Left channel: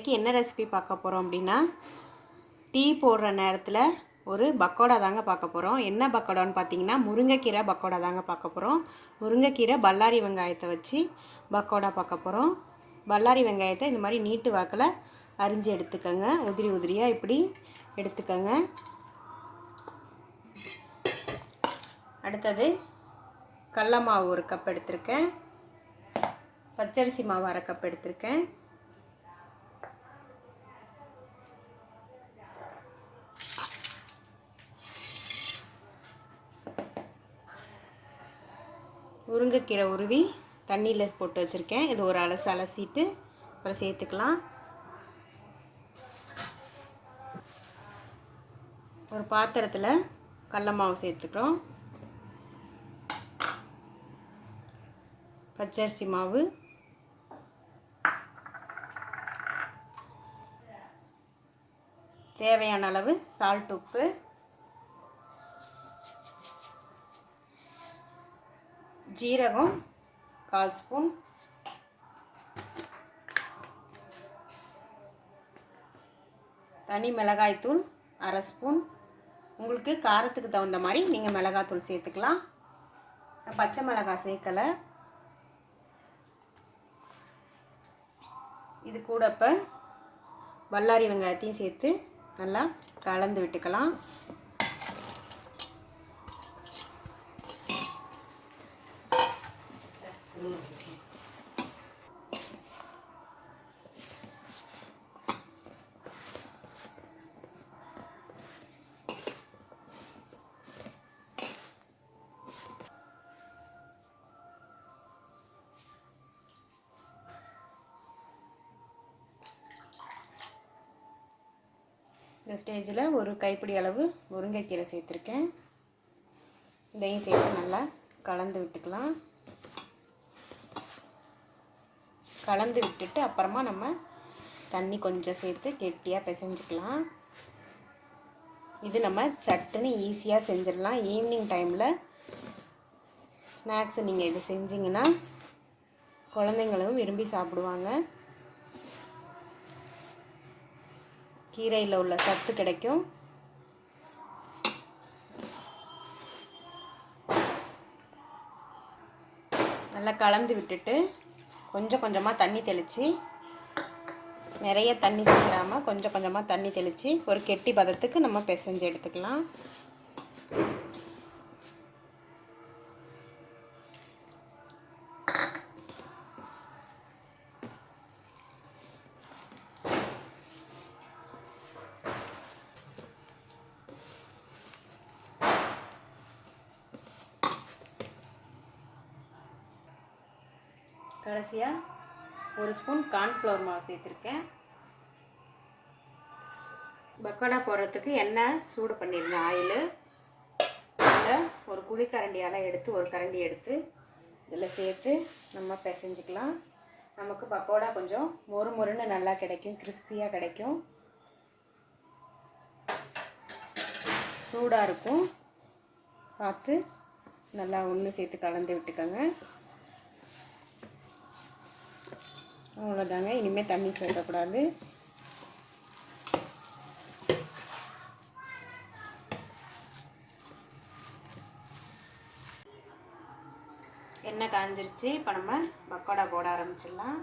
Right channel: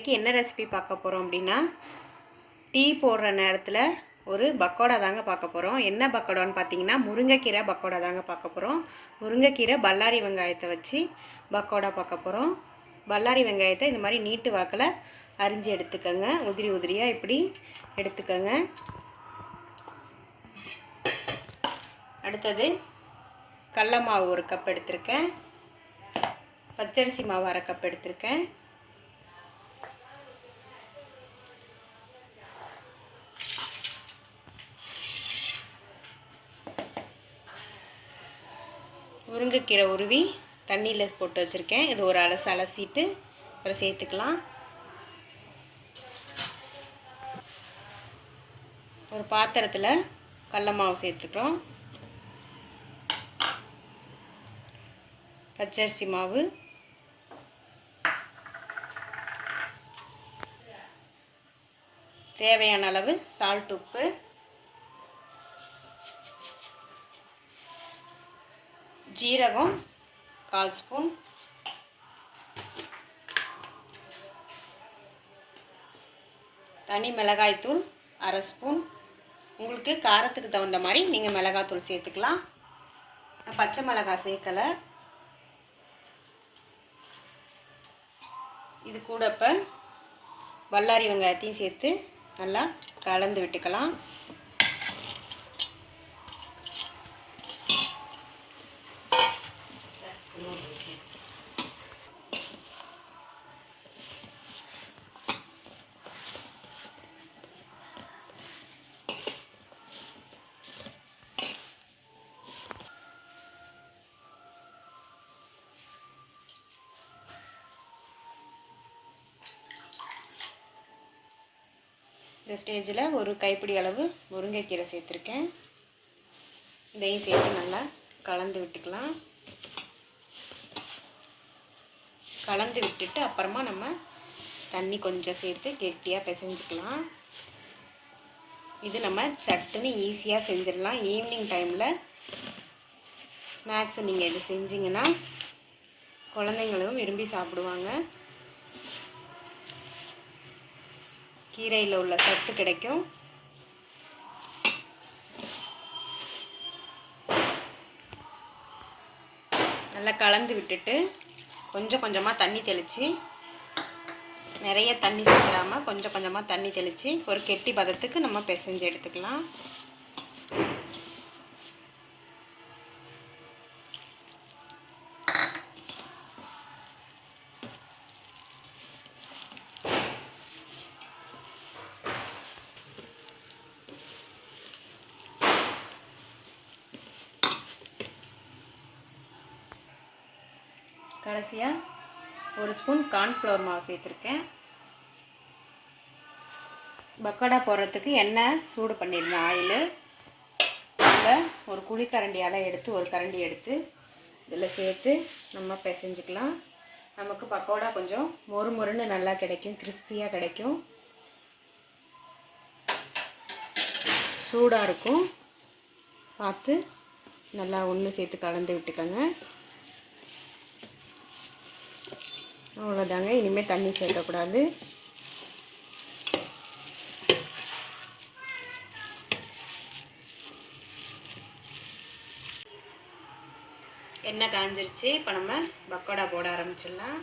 இன்றைக்கி என்ன ரெசிபி பார்க்க போகிறோம் அப்படின்னா டீ போடுற நேரத்தில் ஒரு பக்கோடா தாங்க பார்க்க போகிறோம் என்ன பக்கோடான்னு பார்த்தீங்கன்னா முருங்கைக்கீரை பக்கோடா தாங்க பார்க்க போகிறோம் முருங்கைக்கீரை பல்லாரி வெங்காயத்தை வச்சு பக்கோடா பார்க்க போகிறோம் பல்லாரி வெங்காயத்தை இந்த மாதிரி நீட்டு வாக்கில் அரிஞ்சு எடுத்துக்கோங்க. உதிரி உதிரியாக இப்படி எடுத்துக்கோங்க. அடுத்தது கடல மாவு ஒரு கப் எடுத்திருக்கேன். பச்சரிசி மாவு அரை கப் எடுத்திருக்கேன். முருங்கைக்கீரை உருவி தண்ணியில் போட்டு வச்சுருக்கேன். இது ஒரு அலசு அலசிட்டு அப்புறம் சேர்த்துக்கலாம். ஒரு பாத்திரத்தில் கடல மாவு சேர்த்துக்கிறோம். பச்சரிசி மாவு. தேவையான அளவு சால்ட் உப்பு. ஜீரகம் கால் ஸ்பூன். தனி மிளகாய்த்தூள் அரை ஸ்பூன். உங்களுக்கு காரத்துக்கு தகுந்த மாதிரி நீங்கள் மிளகாத்தூள் சேர்த்துக்கலாம். பச்சை மிளகாய் சேர்க்கலை. இது கூட இப்போ வல்லாரி வெங்காயத்தையும் சேர்த்து நல்லா கலந்து விட்டுக்கலாம். இந்த ஸ்டேஜில் ஒரு கைப்பிடி அளவு முருங்கைக்கீரை சேர்த்துருக்கேன். இதையும் சேர்த்து நல்லா கலந்து விட்டுக்கலாம். கலந்து விட்டுட்டு அப்புறமா நம்ம தண்ணி கொஞ்சம் சேர்த்து கெட்டியாக பிசைஞ்சிக்கலாம். இது நம்ம சட்டுன்னு ஈஸியாக செஞ்சிடலாம். ஈவினிங் டைமில் ஸ்நாக்ஸ் நீங்கள் இது செஞ்சிங்கன்னா குழந்தைங்களும் விரும்பி சாப்பிடுவாங்க. கீரையில் உள்ள சத்து கிடைக்கும். நல்லா கலந்து விட்டுட்டு கொஞ்சம் கொஞ்சமாக தண்ணி தெளித்து நிறைய தண்ணி சேர்க்காமல் கொஞ்சம் கொஞ்சமாக தண்ணி தெளித்து ஒரு கெட்டி பதத்துக்கு நம்ம பிசைஞ்சு எடுத்துக்கலாம். கடைசியாக ஒரு ஸ்பூன் கார்ன்ஃப்ளவர் மாவு சேர்த்துருக்கேன். பக்கோடா போடுறதுக்கு எண்ணெய் சூடு பண்ணியிருந்தேன் ஆயில். அதில் ஒரு குழிக்கரண்டியால் எடுத்து ஒரு கரண்டி எடுத்து இதில் சேர்த்து நம்ம பிசைஞ்சிக்கலாம். நமக்கு பக்கோடா கொஞ்சம் மொறு மொறுன்னு நல்லா கிடைக்கும் கிறிஸ்பியாக கிடைக்கும். சூடாக இருக்கும். பார்த்து நல்லா ஒன்று சேர்த்து கலந்து விட்டுக்கோங்க. அவ்வளோதாங்க. இனிமேல் தண்ணி சேர்க்கக்கூடாது. எண்ணெய் காஞ்சிருச்சு. இப்போ நம்ம பக்கோடா போட ஆரம்பிச்சிடலாம்.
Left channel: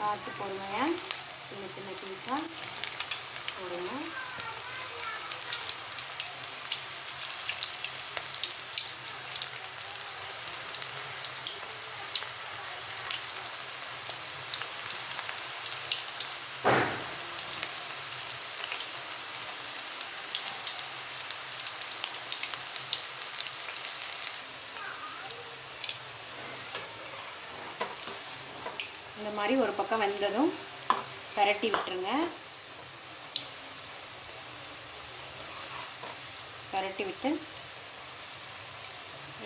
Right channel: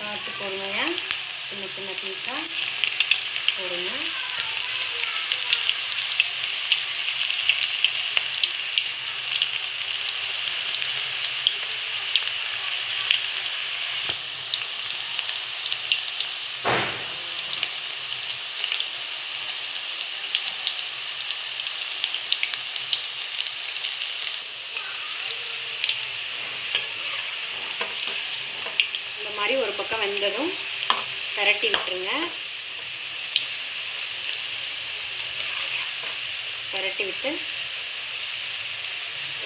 பார்த்து போடுங்க சின்ன சின்ன பீஸாக போடுங்க இந்த மாதிரி ஒரு பக்கம் வெந்ததும் பரட்டி விட்டுருங்க. பரட்டி விட்டு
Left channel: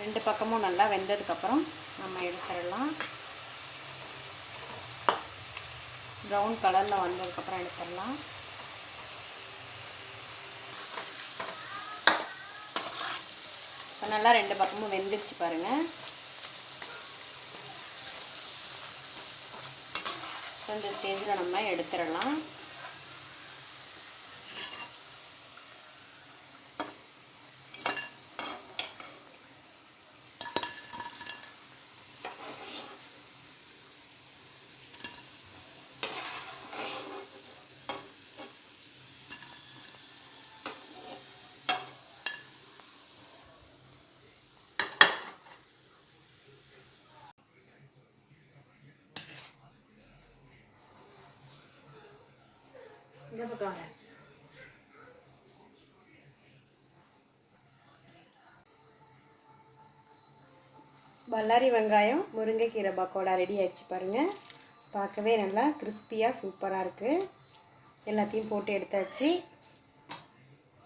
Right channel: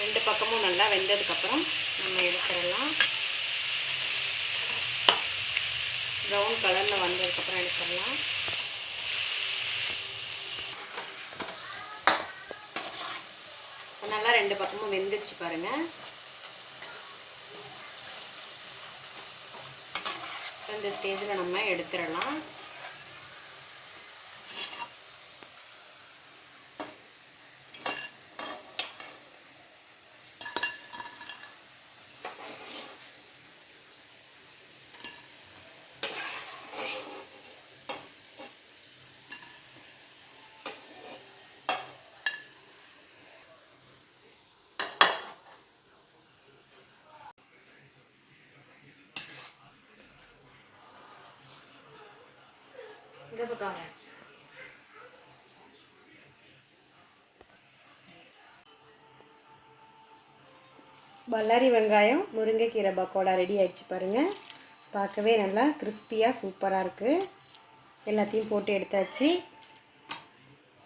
ரெண்டு பக்கமும் நல்லா வெந்ததுக்கப்புறம் நம்ம எடுத்துடலாம். ப்ரௌன் கலரில் வந்ததுக்கப்புறம் எடுத்துடலாம். நல்லா ரெண்டு பக்கமும் வெந்துருச்சு பாருங்கள் இந்த ஸ்டேஜில் நம்ம எடுத்துடலாம். இந்த பக்கம் பல்லாரி வெங்காயம் முருங்கைக்கீரை பக்கோடா ரெடி ஆகிடுச்சு பாருங்கள் பார்க்கவே நல்லா கிறிஸ்பியாக சூப்பராக இருக்குது எல்லாத்தையும் போட்டு எடுத்தாச்சு.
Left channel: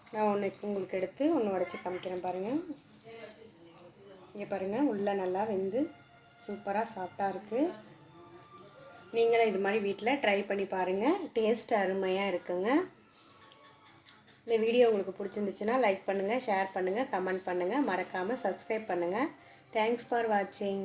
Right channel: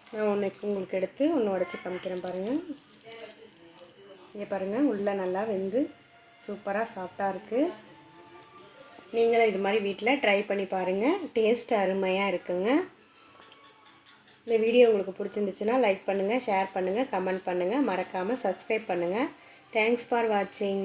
நான் ஒன்று உங்களுக்கு எடுத்து ஒன்று உடச்சி காமிக்கிறேன் பாருங்கள் இங்கே பாருங்கள் உள்ளே நல்லா வெந்து சூப்பராக சாஃப்டாக இருக்குது நீங்களும் இது மாதிரி வீட்டில் ட்ரை பண்ணி பாருங்கள் டேஸ்ட் அருமையாக இருக்குங்க. இந்த வீடியோ உங்களுக்கு பிடிச்சிருந்துச்சுன்னா லைக் பண்ணுங்கள் ஷேர் பண்ணுங்கள் கமெண்ட் பண்ணுங்கள் மறக்காமல் சப்ஸ்கிரைப் பண்ணுங்கள் தேங்க்ஸ் ஃபார் வாட்சிங்